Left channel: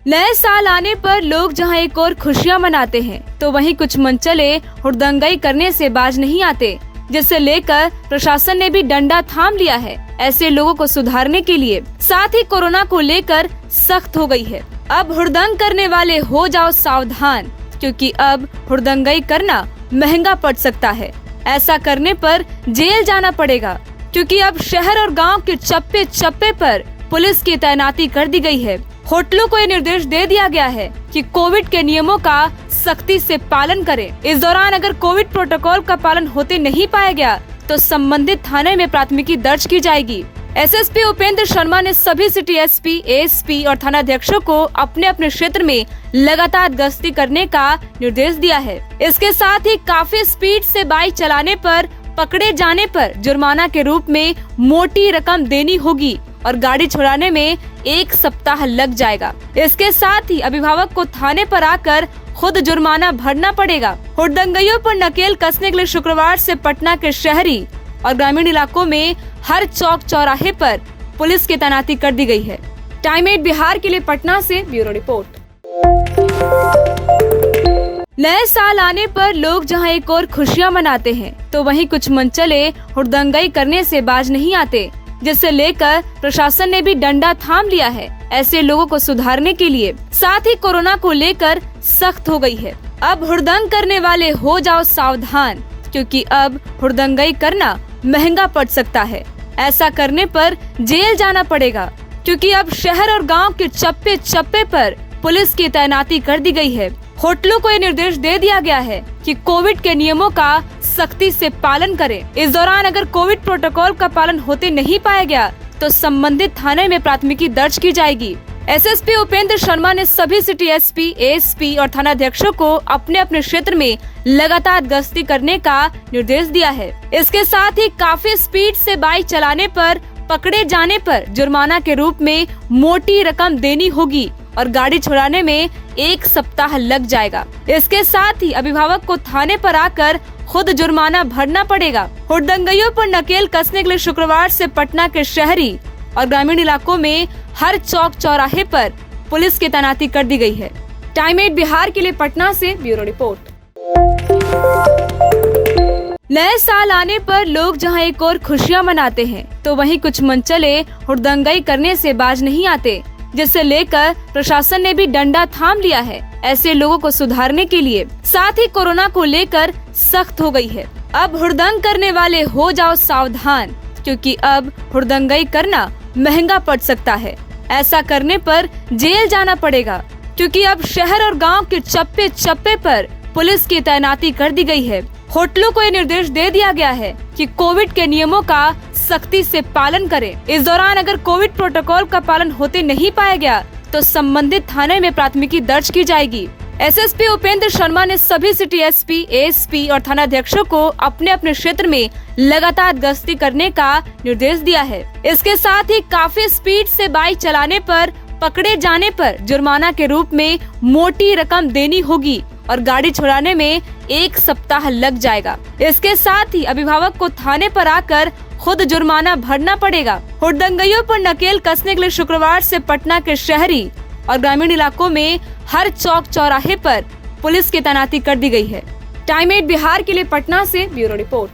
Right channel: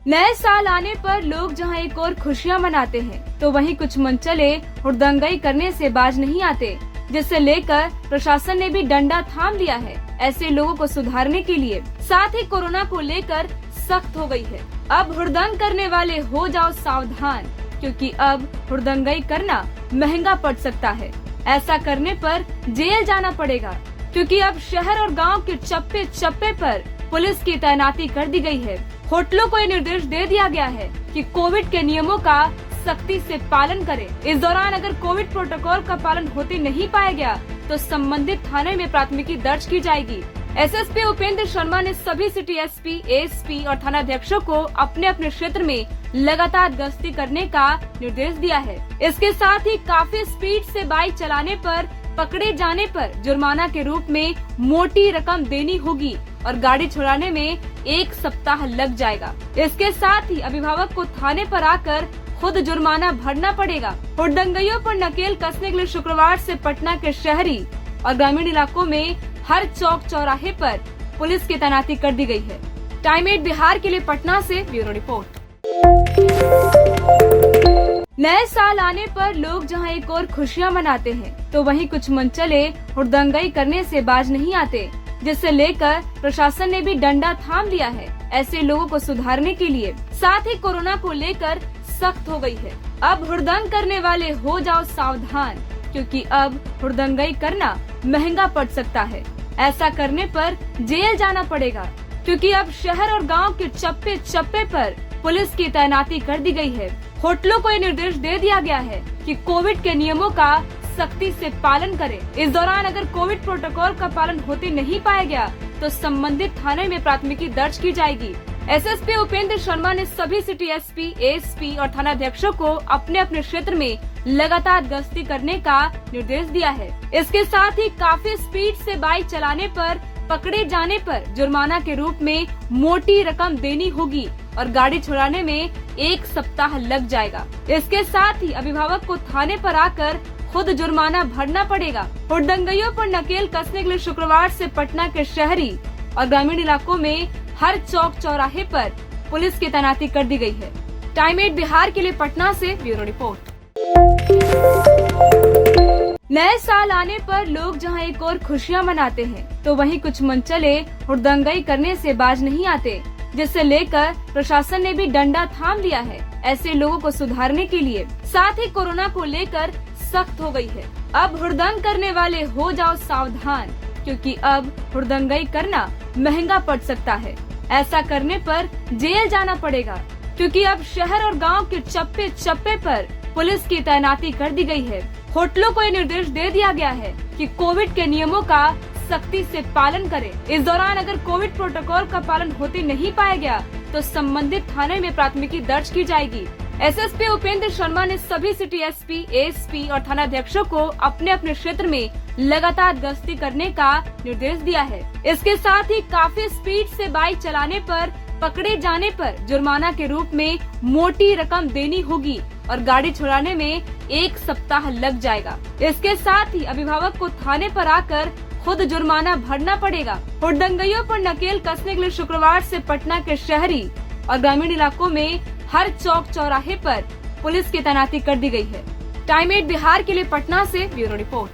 नए साल आने पर लोग जहां एक और खुशियां मनाते हैं, तो वहीं कुछ मनचले हुड़दंगई करने से बाज नहीं आते, जिसे लेकर प्रशासन ने भी डंडा थाम लिया है ऐसे लोगों को सुधारने के लिए। साथ ही कोरोना को लेकर सख्त हो गई है। अब हुड़दंग करने वाले हो जाओ सावधान, क्योंकि अब हुड़दंगई करना महंगा पड़ सकता है। ऐसा करने पर जेल जाना पड़ेगा, क्योंकि अब शहर और गांव के चप्पे चप्पे पर पुलिस की तैनाती कर दी गई है। होटलों को ये निर्देश दे दिया गया है कि कोविड के नियमों का सख्ती से पालन करें। इस दौरान अगर कोविड प्रोटोकॉल का पालन होते नहीं पाया गया तो संबंधित थाने में प्राथमिकी दर्ज की जाएगी। एसएसपी उपेंद्र शर्मा ने सभी सिटी एसपी, एएसपी और थानाध्यक्षों को अपने अपने क्षेत्र में लगातार गश्ती करने का निर्देश दिया है। इसके साथ ही काफी स्पीड से बाइक चलाने पर पकड़े जाने पर जुर्माना के रूप में मोटी रकम देनी होगी और गाड़ी छुड़ाने में 1 सप्ताह लग जाएगा। इसके साथ ही अभिभावक को थाने पर आकर खुद जुर्माना भरना पड़ेगा। हुड़दंगइयों पर नकेल कसने के लिए शुक्रवार से पटना के शहरी और ग्रामीण इलाकों में हर चौक चौराहे पर पुलिस की तैनाती कर दी गई है। टाइम 8 बिहार के लिए पटना से ब्यूरो रिपोर्ट। नए साल आने पर लोग जहां एक और खुशियां मनाते हैं, तो वहीं कुछ मनचले हुड़दंगई करने से बाज नहीं आते, जिसे लेकर प्रशासन ने भी डंडा थाम लिया है ऐसे लोगों को सुधारने के लिए। साथ ही कोरोना को लेकर सख्त हो गई है। अब हुड़दंग करने वाले हो जाओ सावधान, क्योंकि अब हुड़दंगई करना महंगा पड़ सकता है। ऐसा करने पर जेल जाना पड़ेगा, क्योंकि अब शहर और गांव के चप्पे चप्पे पर पुलिस की तैनाती कर दी गई है। होटलों को ये निर्देश दे दिया गया है कि कोविड के नियमों का सख्ती से पालन करें। इस दौरान अगर कोविड प्रोटोकॉल का पालन होते नहीं पाया गया तो संबंधित थाने में प्राथमिकी दर्ज की जाएगी। एसएसपी उपेंद्र शर्मा ने सभी सिटी एसपी, एएसपी और थानाध्यक्षों को अपने अपने क्षेत्र में लगातार गश्ती करने का निर्देश दिया है। इसके साथ ही काफी स्पीड से बाइक चलाने पर पकड़े जाने पर जुर्माना के रूप में मोटी रकम देनी होगी और गाड़ी छुड़ाने में 1 सप्ताह लग जाएगा। इसके साथ ही अभिभावक को थाने पर आकर खुद जुर्माना भरना पड़ेगा। हुड़दंगइयों पर नकेल कसने के लिए शुक्रवार से पटना के शहरी और ग्रामीण इलाकों में हर चौक चौराहे पर पुलिस की तैनाती कर दी गई है। टाइम 8 बिहार के लिए पटना से ब्यूरो रिपोर्ट। नए साल आने पर लोग जहां एक और खुशियां मनाते हैं, तो वहीं कुछ मनचले हुड़दंगई करने से बाज नहीं आते, जिसे लेकर प्रशासन ने भी डंडा थाम लिया है ऐसे लोगों को सुधारने के लिए। साथ ही कोरोना को लेकर सख्त हो गई है। अब हुड़दंग करने वाले हो जाओ सावधान, क्योंकि अब हुड़दंगई करना महंगा पड़ सकता है। ऐसा करने पर जेल जाना पड़ेगा, क्योंकि अब शहर और गांव के चप्पे चप्पे पर पुलिस की तैनाती कर दी गई है। होटलों को ये निर्देश दे दिया गया है कि कोविड के नियमों का सख्ती से पालन करें। इस दौरान अगर कोविड प्रोटोकॉल का पालन होते नहीं पाया गया तो संबंधित थाने में प्राथमिकी दर्ज की जाएगी। एसएसपी उपेंद्र शर्मा ने सभी सिटी एसपी, एएसपी और थानाध्यक्षों को अपने अपने क्षेत्र में लगातार गश्ती करने का निर्देश दिया है। इसके साथ ही काफी स्पीड से बाइक चलाने पर पकड़े जाने पर जुर्माना के रूप में मोटी रकम देनी होगी और गाड़ी छुड़ाने में 1 सप्ताह लग जाएगा। इसके साथ ही अभिभावक को थाने पर आकर खुद जुर्माना भरना पड़ेगा। हुड़दंगइयों पर नकेल कसने के लिए शुक्रवार से पटना के शहरी और ग्रामीण इलाकों में हर चौक चौराहे पर पुलिस की तैनाती कर दी गई है। टाइम 8 बिहार के लिए पटना से ब्यूरो रिपोर्ट।